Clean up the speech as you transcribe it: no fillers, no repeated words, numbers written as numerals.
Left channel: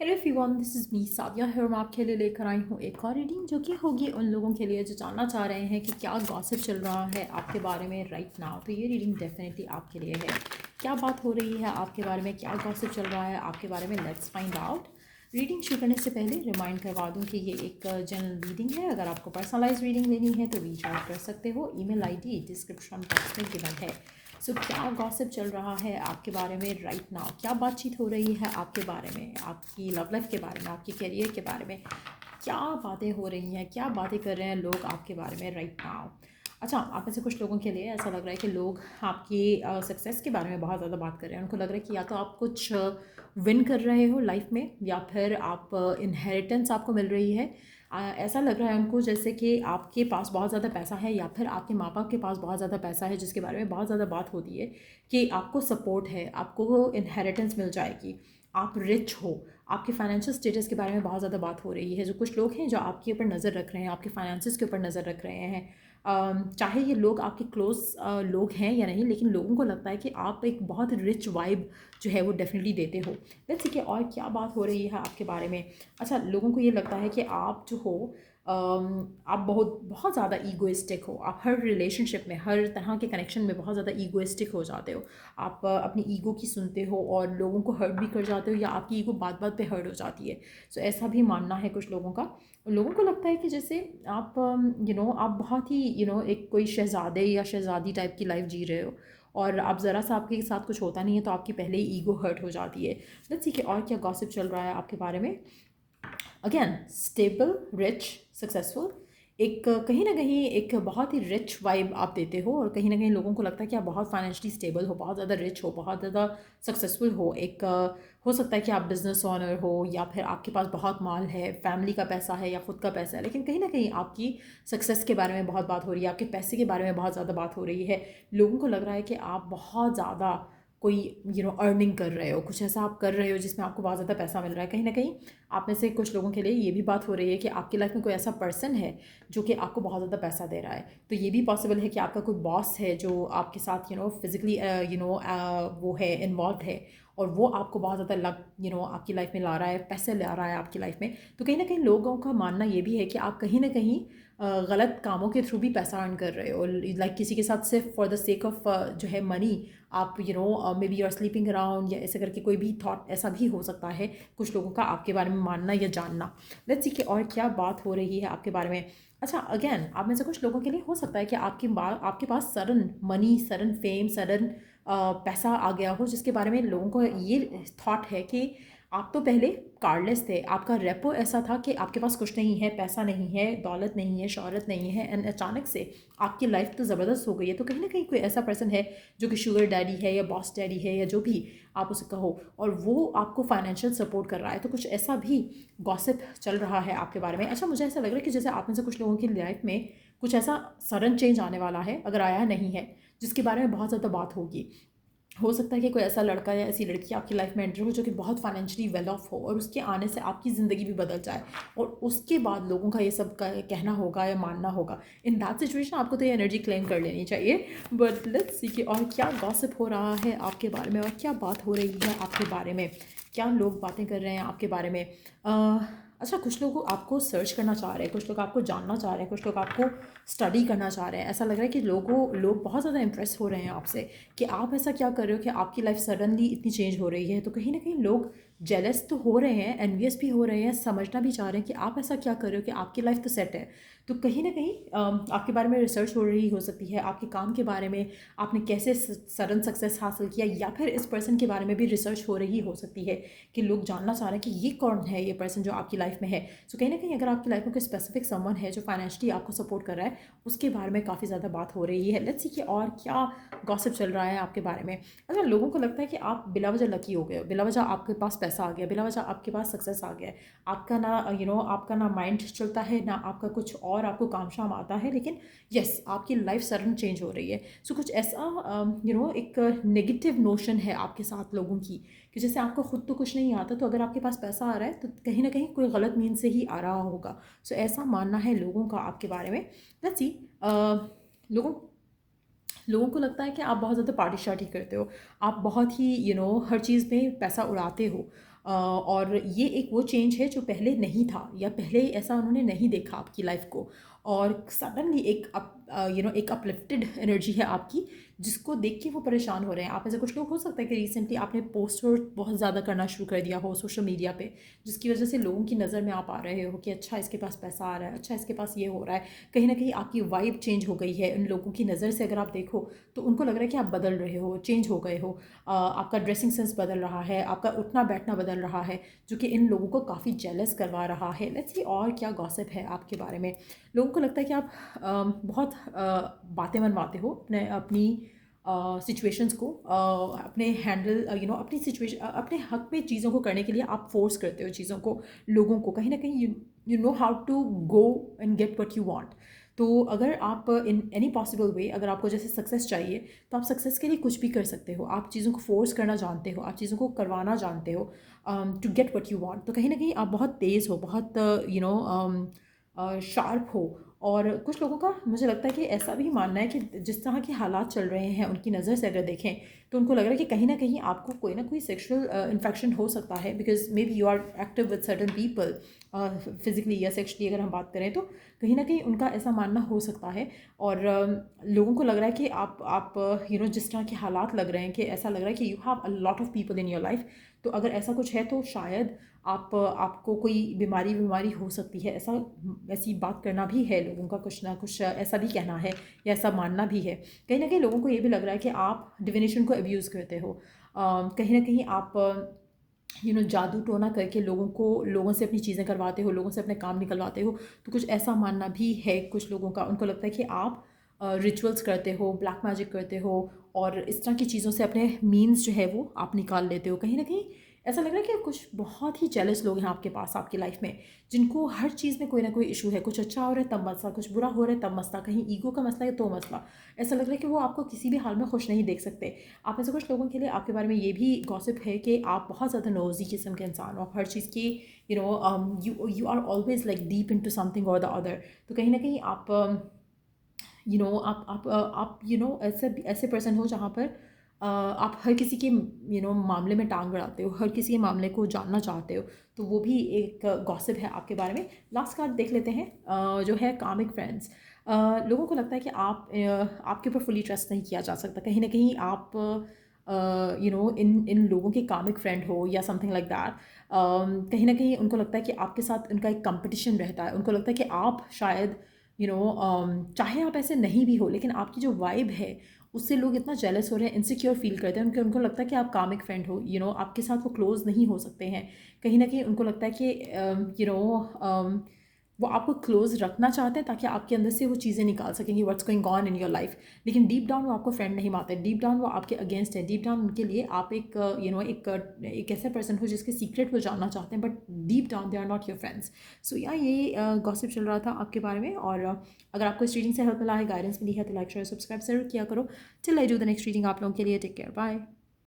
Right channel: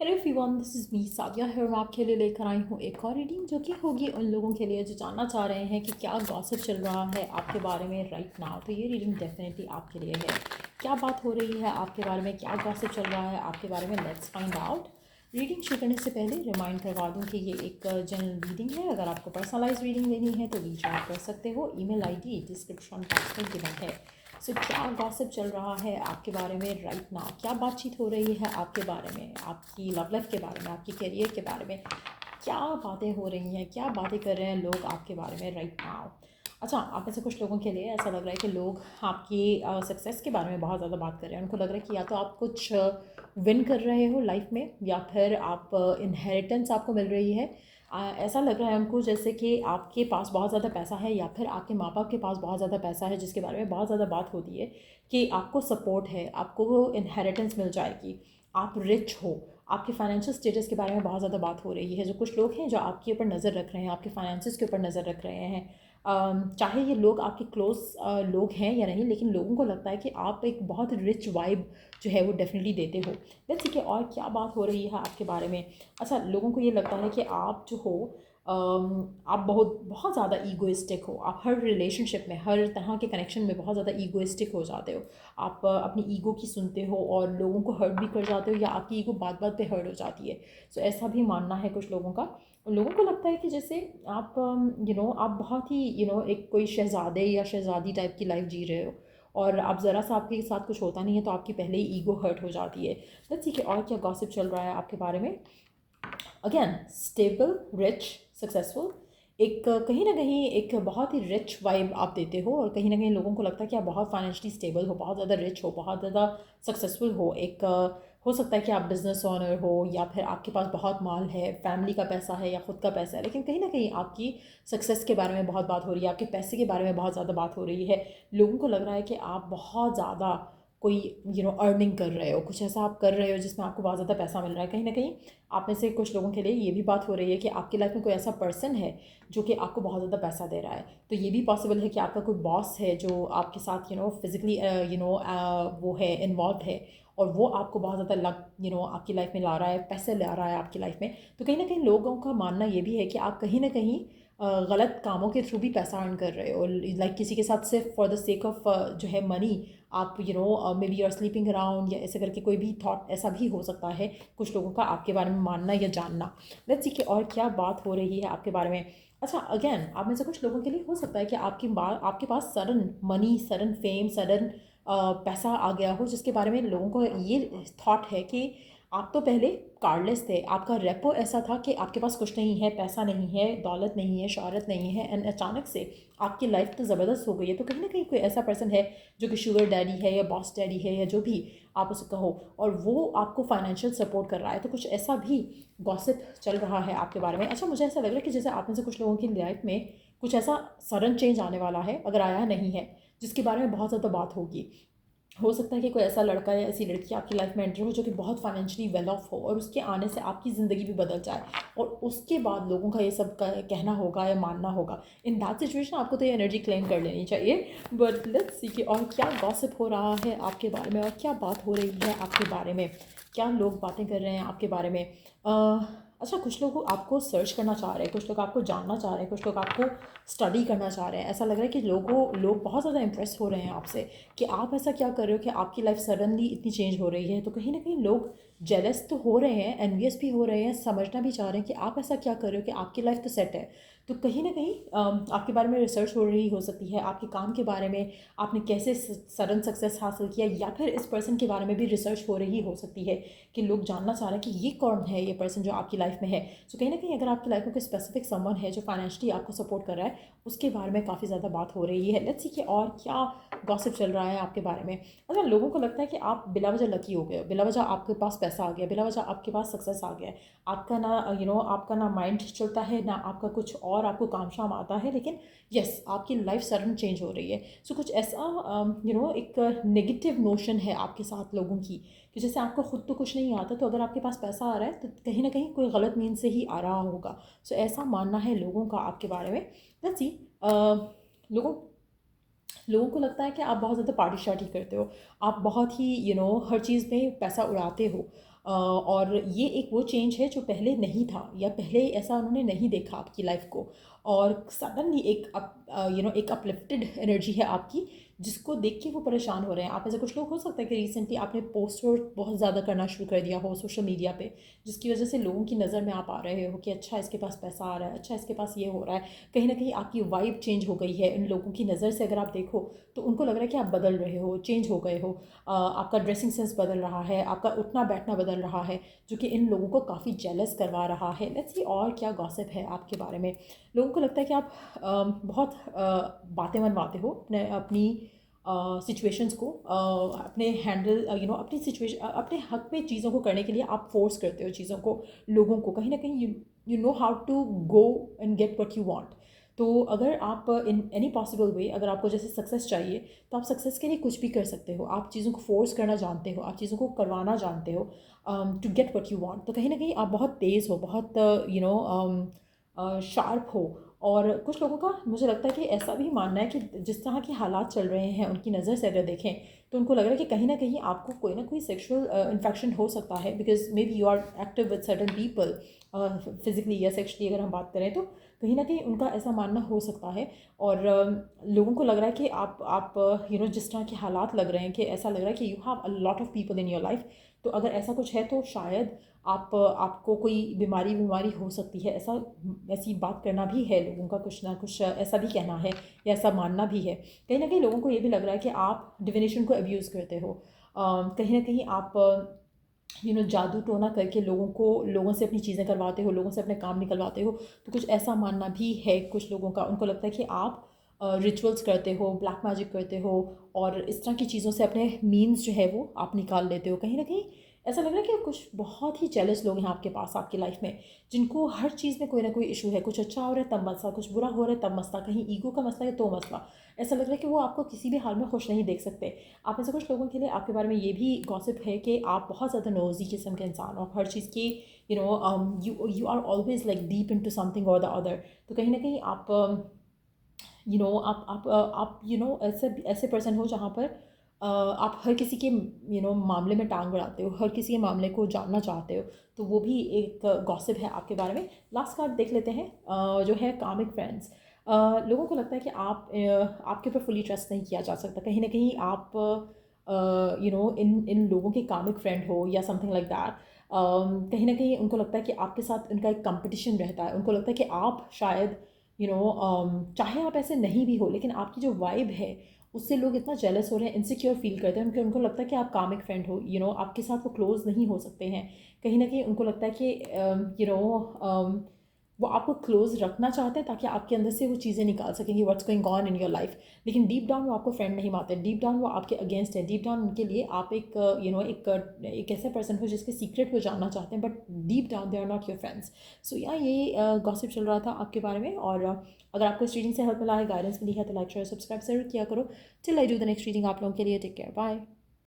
Hello everyone, this is me Sadia है और मैं आपके लिए लेकर आई हूँ एक और रीडिंग जो कि होगी उन लोगों के लिए जो जानना चाह रहे हैं कि क्या गॉसिप चल रहा है आपके बारे में राइट नाउ। तो ये रीडिंग डेफिनेटली आपके लिए है। क्या बात हो रही है आपके बारे में, क्या गॉसिप चल रहा है आपके बारे में, लेट्स फाइंड आउट। रीडिंग शुरू करने से पहले रिमाइंड करवा दूँ कि ये एक जनरल रीडिंग है। अगर आपको पर्सनलाइज रीडिंग लेनी है तो रीच आउट कर सकते हो। ईमेल आईडी डिस्क्रिप्शन बॉक्स में गिवन है। सो क्या गॉसिप चल रहा है आपके बारे में राइट नाउ, क्या बातचीत हो रही है आपके बारे में, आपकी लव लाइफ के बारे में, आपके करियर के बारे में, क्या बातें हो रही हैं, क्या बातें कर रहे हैं लोग आपके बारे में राइट नाउ। अच्छा, आप में से कुछ लोगों के लिए ऐसा लग रहा है कि लोग आपकी सक्सेस के बारे में बहुत ज़्यादा बात कर रहे हैं। उनको लग रहा है कि या तो आप कुछ विन कर रहे हो लाइफ में या फिर आप इनहेरिटेंस आपको मिल रही है। ऐसा लग रहा है उनको जैसे कि आपके पास बहुत ज़्यादा पैसा है या फिर आपके माँ बाप के पास बहुत ज़्यादा पैसा है, जिसके बारे में बहुत ज़्यादा बात होती है कि आपको सपोर्ट है, आपको वो इनहेरिटेंस मिल जाएगी, आप रिच हो। आपके फाइनेंशियल स्टेटस के बारे में बहुत ज़्यादा बात हो रही है। जो कुछ लोग हैं जो आपके ऊपर नज़र रख रहे हैं, आपके फाइनेंसिस के ऊपर नज़र रख रहे हैं, चाहे ये लोग आपके क्लोज लोग हैं या नहीं, लेकिन लोगों को लगता है कि आप एक बहुत रिच वाइब जो है वो डेफिनेटली देते हो। लेट्स ठीक है, और क्या बात हो रही है आपके बारे में। अच्छा, लोगों को ये लगता है कि आप जो हो आप बहुत बहुत ज़्यादा ईगोइस्टिक हो। आप हर रिलेशनशिप में, हर तरह के कनेक्शन में बहुत ज़्यादा ईगोइस्टिक हो जाते हो। आप अपनी ईगो की सुनते हो और लोगों को हर्ट भी कर जाते हो या आपकी ईगो बात बात पे हर्ट हो जाती है। सो ऐसा भी मानना है कुछ लोगों का। लोगों को लगता है कि जैसे आप आप बहुत ही एक कोई शहज़ादे या शहज़ादी टाइप की लाइफ जी रहे हो और आप ज़रा सा आपके साथ कुछ होता नहीं है तो आपकी पहले ही ईगो हर्ट हो जाती है। लेट्स ठीक है, और क्या गॉसिप चल रहा है आपके बारे में। Again, stable, rich, successful. एक कहीं ना कहीं एक बहुत ही रिच वाइब आप देते हो और कहीं ना कहीं लोगों को लगता है कि आप बहुत फाइनेंशियली स्टेबल हो, बहुत ज़्यादा रिच हो, बहुत ज़्यादा सक्सेसफुल हो। एक हो सकता है कि आप बिजनेस ओनर हो या फिर आपके पास बहुत माल है, फैमिली का पैसा है या खुद का पैसा है, लेकिन कहीं ना कहीं आपकी सक्सेस के बारे में बहुत बात हो रही है, आपके पैसे के बारे में बहुत ज़्यादा बात हो रही है। लोगों को लग रहा है कि आप बहुत ज़्यादा कोई अर्निंग कर रहे हो, कुछ ऐसा आप कर रहे हो जिसमें आपको बहुत ज़्यादा पैसा मिल रहा है। कहीं ना कहीं आप में से कुछ लोगों के लिए ये भी बात हो रही है कि आपकी लाइफ में कोई ऐसा पर्सन है जो कि आपको बहुत ज़्यादा पैसा दे रहा है। तो ये भी पॉसिबल है कि आपका कोई बॉस है जो आपके साथ फिजिकली वो है, इन्वॉल्व है और वो आपको बहुत ज़्यादा लग आपकी लाइफ में ला रहा है, पैसे ला रहा है आपकी लाइफ में। तो कहीं ना कहीं लोगों का मानना ये भी है कि आप कहीं ना कहीं गलत कामों के थ्रू भी पैसा अर्न कर रहे हो। लाइक किसी के साथ सिर्फ फॉर द सेक ऑफ जो है मनी, आप may be you are sleeping around या ऐसे करके कोई भी थॉट ऐसा भी हो सकता है कुछ लोगों का आपके बारे में मानना या जानना। लेट्स सी कि और क्या बात हो रही है आपके बारे में। अच्छा, अगेन, आप में से कुछ लोगों के लिए हो सकता है कि आपके पास sudden money, sudden fame, sudden पैसा आ गया हो, जिसके बारे में लोगों को ये थॉट है कि आप तो पहले कार्डलेस थे, आपका रेपो ऐसा था कि आपके पास कुछ नहीं है, पैसा नहीं है, दौलत नहीं है, शौहरत नहीं है, एंड अचानक से आपकी लाइफ तो ज़बरदस्त हो गई है। तो कहीं ना कहीं कोई ऐसा पर्सन है जो कि शुगर डैडी है या बॉस डैडी है या जो भी आप उसे कहो, और वो आपको फाइनेंशियल सपोर्ट कर रहा है। तो कुछ ऐसा भी गॉसिप चल रहा है आपके बारे में। अच्छा, मुझे ऐसा लग रहा है कि जैसे आप में से कुछ लोगों की लाइफ में कुछ ऐसा सडन चेंज आने वाला है, अगर आया नहीं है, जिसके बारे में बहुत ज़्यादा बात होगी। हो सकता है कि कोई ऐसा लड़का या ऐसी लड़की आपकी लाइफ में एंटर हो जो कि बहुत फाइनेंशियली वेल ऑफ हो और उसके आने से आपकी ज़िंदगी भी बदल जाए और उसके बाद लोगों का ये सब का कहना होगा या मानना होगा। इन दैट सिचुएशन आपको तो ये एनर्जी क्लेम कर लेनी चाहिए। बट लेट्स सी कि और क्या गॉसिप हो रहा है आपके बारे में और क्या बात हो रही है आपके बारे में, क्या लोग बातें कर रहे हैं आपके बारे में। अच्छा, कुछ लोग आपको सर्च करना चाह रहे हैं, कुछ लोग आपको जानना चाह रहे हैं, कुछ लोग आपको स्टडी करना चाह रहे हैं। ऐसा लग रहा है कि लोग बहुत ज़्यादा इंप्रेस हो रहे हैं आपसे कि आप ऐसा क्या कर रहे हो कि आपकी लाइफ सडनली इतनी चेंज हो रही है। तो कहीं ना कहीं लोग जेलस तो हो रहे हैं, एनवियस भी हो रहे हैं, समझना भी चाह रहे हैं कि आप ऐसा क्या कर रहे हो कि आपकी लाइफ तो सेट है। तो कहीं ना कहीं आपके बारे में रिसर्च हो रही हो सकती है, आपके काम के बारे में, आपने कैसे सडन सक्सेस हासिल किया, या फिर इस पर्सन के बारे में भी रिसर्च हो रही हो सकती है कि लोग जानना चाह रहे हैं कि ये कौन है, ये पर्सन जो आपकी लाइफ में है। सो कहीं ना कहीं अगर आपकी लाइफ में कोई स्पेसिफिक समवन है जो फाइनेंशियली आपको सपोर्ट कर रहा है, उसके बारे में काफ़ी ज़्यादा बात हो रही है। लेट्स सी कि और क्या गॉसिप चल रहा है आपके बारे में। अच्छा, लोगों को लगता है कि आप बिला वजह लकी हो गए हो, बिला वजह आपके पास पैसा आ गया, बिला वजह आपके पास सक्सेस आ गया है। आपका ना आपका ना माइंड चलता है, ना आपका कुछ और आपको काम शाम आता है, लेकिन यस, आपकी लाइफ सडन चेंज हो रही है। सो कुछ ऐसा एक नेगेटिव नोशन है आपके साथ लोगों की कि जैसे आपको खुद तो कुछ नहीं आता, तो अगर आपके पास पैसा आ रहा है तो कहीं ना कहीं कोई गलत मीन से ही आ रहा होगा। सो ऐसा मानना है लोगों का आपके बारे में। लेट्स सी, लोगों लोगों को लगता है कि आप बहुत ज़्यादा पार्टी शार्टी करते हो, आप बहुत ही हर चीज़ में पैसा उड़ाते हो। और ये एक वो चेंज है जो पहले नहीं था, या पहले ऐसा उन्होंने नहीं देखा आपकी लाइफ को, और सडनली एक एक अपलिफ्टेड एनर्जी है आपकी, जिसको देख के वो परेशान हो रहे हैं। आप ऐसे कुछ लोग हो सकता है कि रिसेंटली आपने पोस्ट बहुत ज़्यादा करना शुरू कर दिया हो सोशल मीडिया पे, जिसकी वजह से लोगों की नज़र में आप आ रहे हो कि अच्छा इसके पास पैसा आ रहा है, अच्छा इसके पास ये हो रहा है। कहीं ना कहीं आपकी वाइब चेंज हो गई है उन लोगों की नज़र से। अगर आप देखो तो उनको लग रहा है कि आप बदल रहे हो, चेंज हो गए हो, आपका ड्रेसिंग सेंस बदल रहा है, आपका उठना बैठना बदल रहा है, जो कि इन लोगों को काफ़ी जेलस करवा रहा है। लेट्स सी और क्या गॉसिप है आपके बारे में। लोगों को लगता है कि आप बहुत बातें मनवाते हो अपने अपनी सिचुएशंस को, अपने हैंडल अपनी सिचुएशन, अपने हक में चीज़ों को करने के लिए आप फोर्स करते हो चीज़ों को, लोगों को। कहीं ना कहीं you know how to go and get what you want. तो अगर आप इन एनी पॉसिबल वे, अगर आपको जैसे सक्सेस चाहिए तो आप सक्सेस के लिए कुछ भी कर सकते हो। आप चीज़ों को फोर्स करना जानते हो, आप चीज़ों को करवाना जानते हो to get what you want. तो कहीं ना कहीं आप बहुत तेज़ हो, बहुत शार्प हो। और कुछ लोगों का मुझे लगता है कि ऐसा भी मानना है कि जिस तरह के हालात चल रहे हैं उनकी नज़र से अगर देखें तो उनको लग रहा है कि कहीं ना कहीं आपको कोई ना कोई सेक्सुअल इन्फेक्शन हो सकता है, because may be you are active with certain people physically या सेक्शुअली अगर हम बात करें तो। कहीं ना कहीं उनका ऐसा मानना हो सकता है। और लोगों को लग रहा है कि आप जिस तरह के हालात लग रहे हैं, कि ऐसा लग रहा है कि you have a lot of people in your life. तो अगर ऐसा कुछ है तो शायद आपको कोई बीमारी हो सकती है। ऐसी बात करना भी है लोगों का, कुछ ना कुछ ऐसा भी कहना है या ऐसा मानना भी है। कहीं ना कहीं लोगों को ये भी लग रहा है कि आप डिविनेशन को अब्यूज़ करते हो। कहीं ना कहीं आप जादू टोना करके लोगों से अपनी चीज़ें करवाते हो, लोगों से अपने काम निकलवाते हो। तो कुछ ऐसा मानना भी है कुछ लोगों का। उनको लगता है कि आप रिचुअल्स करते हो, ब्लैक मैजिक करते हो, और इस तरह की चीज़ों से अपने मीन्स जो है वो आप निकाल लेते हो। कहीं ना कहीं ऐसा लग रहा है कि कुछ बहुत ही जेलस लोग हैं आपके पास, आपकी लाइफ में, जिनको हर चीज़ में कोई ना कोई इशू है। कुछ अच्छा हो रहा है तब मसला, कुछ बुरा हो रहा है तब मसला, कहीं ईगो का मसला है तो मसला। ऐसा लग रहा है कि वो आपको किसी भी हाल में खुश नहीं देख सकते। आप ऐसे कुछ लोगों के लिए आपके बारे में ये भी गॉसिप है कि आप बहुत ज़्यादा नोज़ी किस्म के इंसान हो, हर चीज़ की you are always like deep into something और द अदर। तो कहीं ना कहीं आप आप ऐसे ऐसे पर्सन हो जहाँ पर आप हर किसी के मामले में टांग अड़ाते हो, हर किसी के मामले को जानना चाहते हो। तो वो भी एक गॉसिप है आपके बारे में। लास्ट कार्ड देख लेते हैं, जो है कामिक फ्रेंड्स। लोगों को लगता है कि आपके ऊपर फुली ट्रस्ट नहीं किया जा सकता। कहीं ना कहीं आप इन इन लोगों के कामिक फ्रेंड हो या समथिंग लाइक दैट। कहीं ना कहीं उनको लगता है कि आपके साथ उनका एक कंपटीशन रहता है। उनको लगता है कि आप शायद चाहे आप ऐसे नहीं भी हो, लेकिन आपकी जो वाइब है उससे लोग इतना जेलस हो रहे हैं, इनसिक्योर फील करते हैं। उनको लगता है कि आप कामिक फ्रेंड हो, आपके साथ वो क्लोज नहीं हो सकते हैं। कहीं ना कहीं उनको लगता है कि वो आपको क्लोज रखना चाहते हैं ताकि आपके अंदर से वो चीज़ें निकाल सकेंगे, what's going on in your life. लेकिन डीप डाउन वो आपको फ्रेंड नहीं मानते, डीप डाउन वो आपके अगेंस्ट है। डीप डाउन उनके लिए आप एक ऐसे पर्सन हो जिसके सीक्रेट को जानना चाहते हैं, but deep down they are not your friends. So या ये गॉसिप चल रहा था आपके बारे में। और अगर आपको इस रीडिंग से हेल्प मिला है, गाइडेंस मिली है, तो लाइक शेयर सब्सक्राइब जरूर किया करो। Till I do the next reading आप लोगों के लिए, टेक केयर, बाय।